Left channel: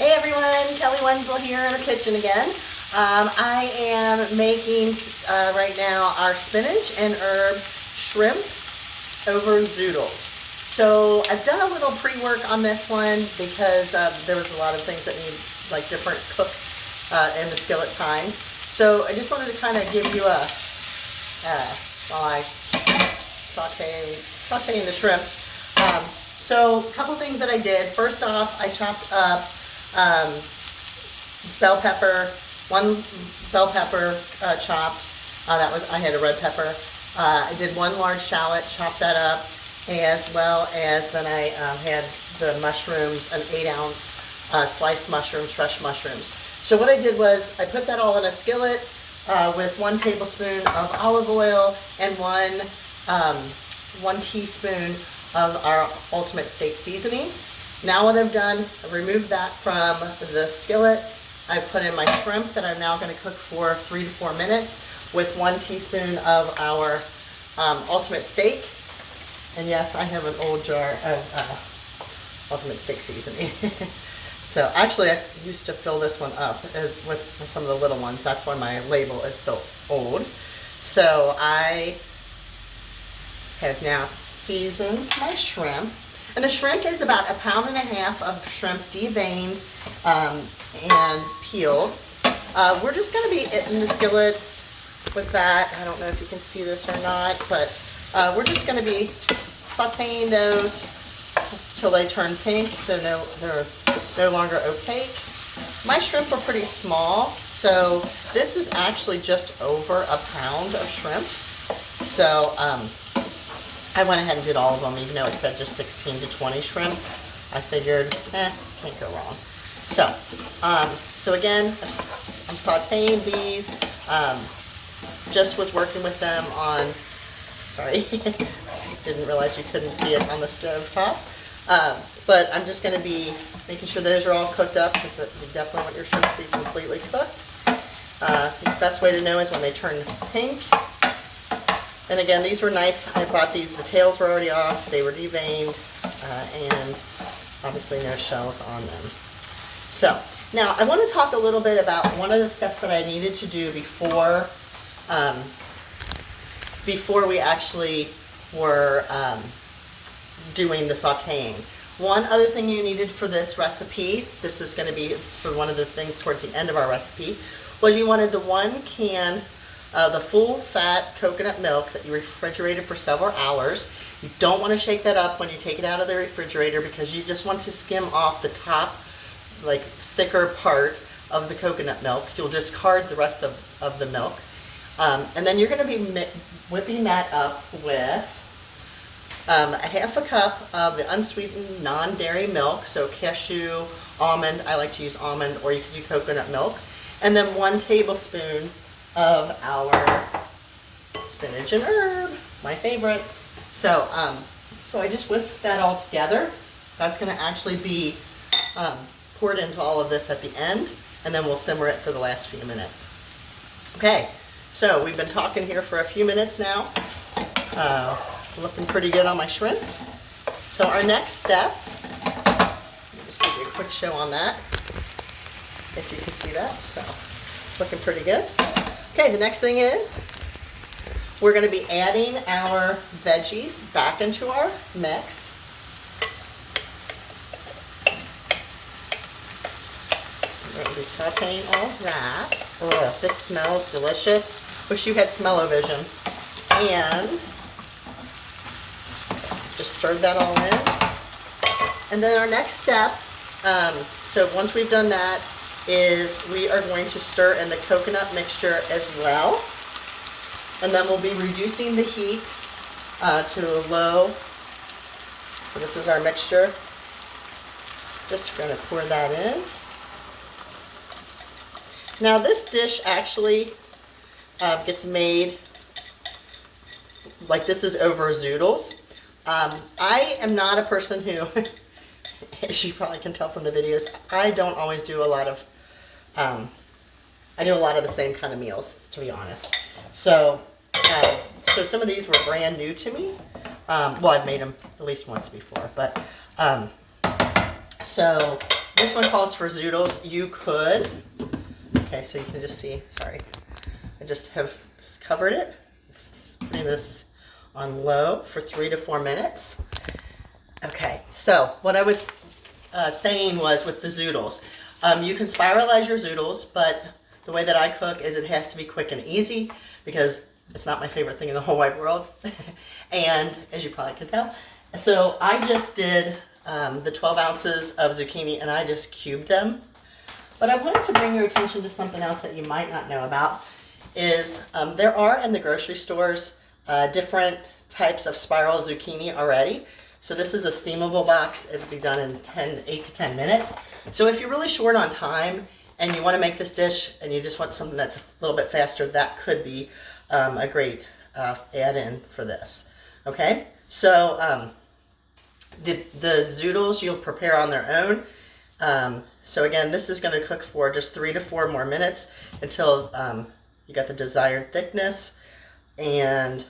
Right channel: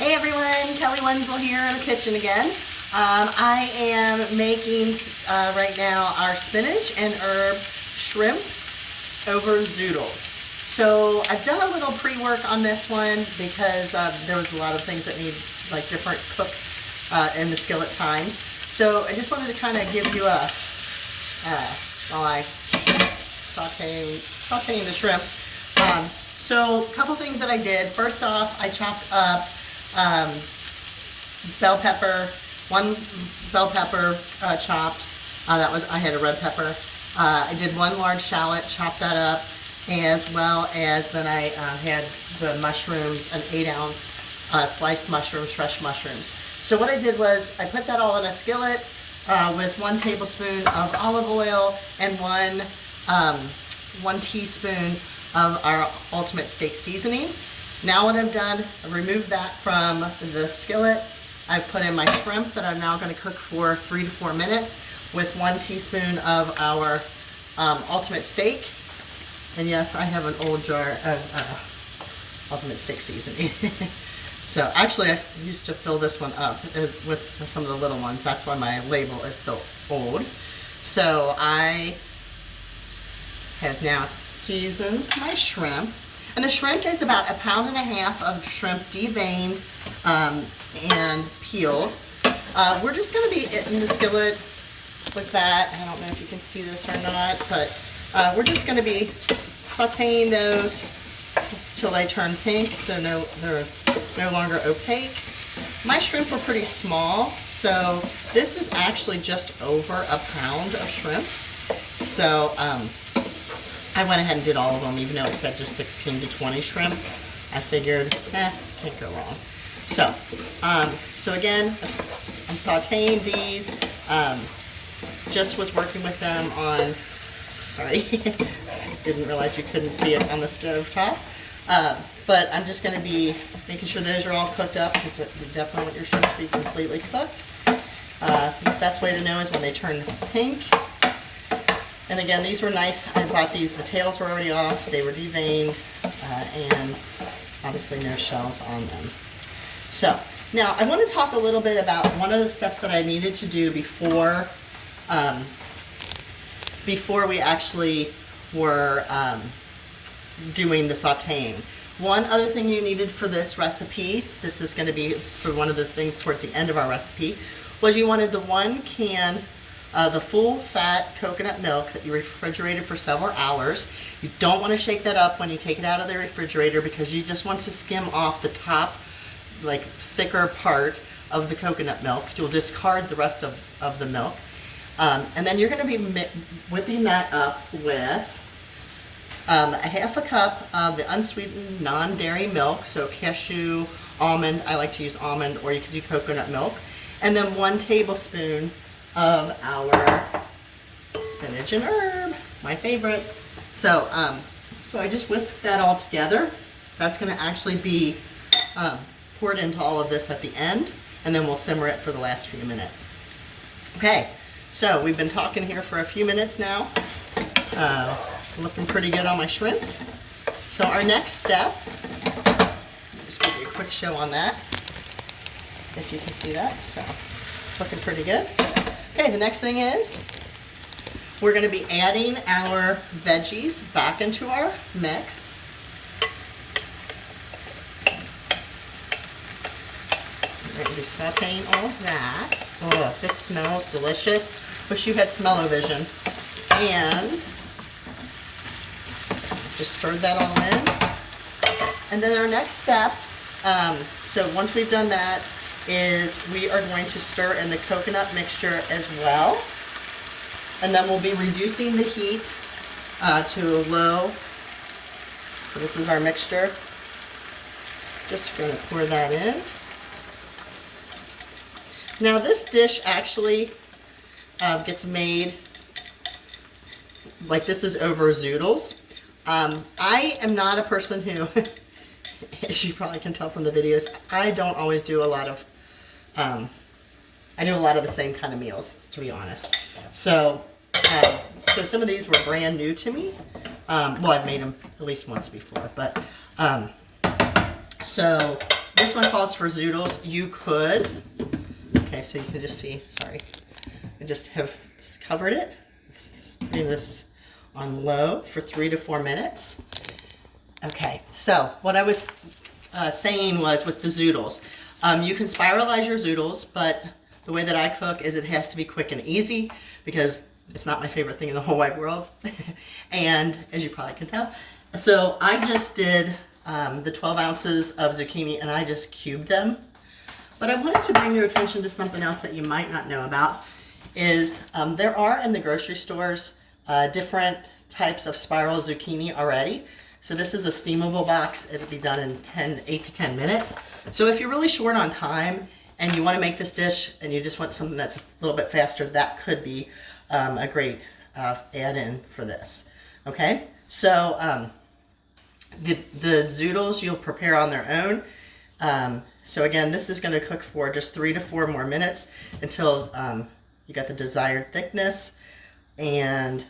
Hey everyone, Kelly Wenzel here in the kitchen again. I am making right now our spinach and herb shrimp over Zoodles. So I've done a little pre-work on this one because there was a lot of things that need like different cook in the skillet times. So I just wanted to kind of give you a, while I sauteing the shrimp. So a couple things that I did. First off, I chopped up bell pepper, one bell pepper chopped. I had a red pepper. I did one large shallot, chopped that up, as well as then I had the mushrooms, an 8-ounce sliced mushrooms, fresh mushrooms. So what I did was I put that all in a skillet with 1 tablespoon of olive oil and 1 teaspoon of our ultimate steak seasoning. Now what I've done, I've removed that from the skillet. I've put in my shrimp that I'm now going to cook for 3 to 4 minutes with 1 teaspoon of our ultimate steak. And yes, I have an old jar of ultimate steak seasoning. So actually I used to fill this one up with some of the little ones. That's why my label is still old. So I have now seasoned my shrimp. And the shrimp is about 1.5 pounds of shrimp deveined and peeled. We're just going to be in the skillet with that. I don't know if you can see this or not, but we're just going to be sauteing those till they turn pink, so they're no longer opaque. My shrimp are pretty small, so this is actually just over 1 pound of shrimp. So I went ahead and did all of them, even though it said just 16 to 20 shrimp. I figured, can't go wrong. So, so again, I'm sauteing these. Just was working with them on, sorry, didn't realize you couldn't see it on the stove top. But I'm just going to be making sure those are all cooked up because you definitely want your shrimp to be completely cooked. The best way to know is when they turn pink. And again, these were nice. I bought these, the tails were already off, they were deveined, and obviously no shells on them. So, now I want to talk a little bit about one of the steps that I needed to do before we actually were doing the sauteing. One other thing you needed for this recipe, this is going to be for one of the things towards the end of our recipe, was you wanted the 1 can the full fat coconut milk that you refrigerated for several hours. You don't want to shake that up when you take it out of the refrigerator because you just want to skim off the top, like thicker part of the coconut milk. You'll discard the rest of the milk. And then you're going to be whipping that up with a 1/2 cup of the unsweetened non-dairy milk, so cashew, almond, I like to use almond, or you could do coconut milk, and then 1 tablespoon of our spinach and herb, my favorite. So, so I just whisked that all together. That's going to actually be poured into all of this at the end, and then we'll simmer it for the last few minutes. Okay, so we've been talking here for a few minutes now. Looking pretty good on my shrimp. So our next step, I'll just give you a quick show on that, if you can see that. So, looking pretty good. Okay, the next thing is we're going to be adding our veggies back into our mix. We're going to be sauteing all of that. Oh, this smells delicious. Wish you had smell-o-vision. And just stirred that all in. And then our next step, so once we've done that, is we are going to stir in the coconut mixture as well. And then we'll be reducing the heat to low. So this is our mixture. Just going to pour that in. Now this dish actually gets made, like this is over Zoodles. I am not a person who, as you probably can tell from the videos, I don't always do a lot of, I do a lot of the same kind of meals, to be honest. So, so some of these were brand new to me. Well, I've made them at least once before, but So This one calls for Zoodles. You could, okay, so you can just see, sorry, I just have covered it. Putting this on low for 3 to 4 minutes. Okay, so what I was saying was with the Zoodles, you can spiralize your Zoodles, but the way that I cook is it has to be quick and easy because it's not my favorite thing in the whole wide world. And as you probably can tell, so I just did the 12 ounces of zucchini and I just cubed them. But I wanted to bring your attention to something else that you might not know about is there are in the grocery stores different types of spiral zucchini already. So this is a steamable box. It'll be done in 8 to 10 minutes. So if you're really short on time and you want to make this dish and you just want something that's a little bit faster, that could be a great add-in for this. Okay, so the Zoodles you'll prepare on their own. So again, this is going to cook for just 3 to 4 more minutes until you got the desired thickness. And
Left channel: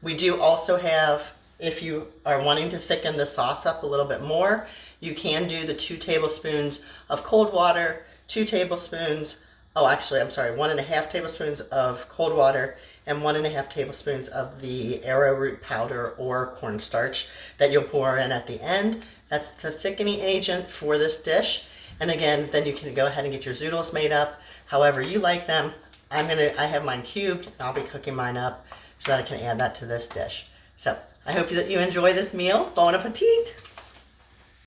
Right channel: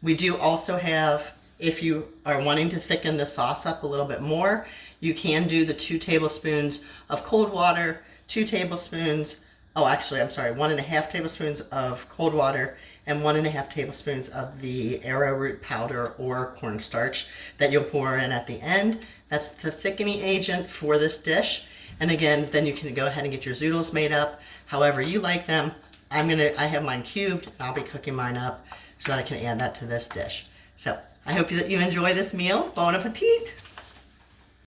we do also have, if you are wanting to thicken the sauce up a little bit more, you can do the 2 tablespoons of cold water, 2 tablespoons, oh actually I'm sorry, 1.5 tablespoons of cold water and 1.5 tablespoons of the arrowroot powder or cornstarch that you'll pour in at the end. That's the thickening agent for this dish. And again, then you can go ahead and get your Zoodles made up however you like them. I have mine cubed and I'll be cooking mine up so that I can add that to this dish. So I hope that you enjoy this meal. Bon appetit!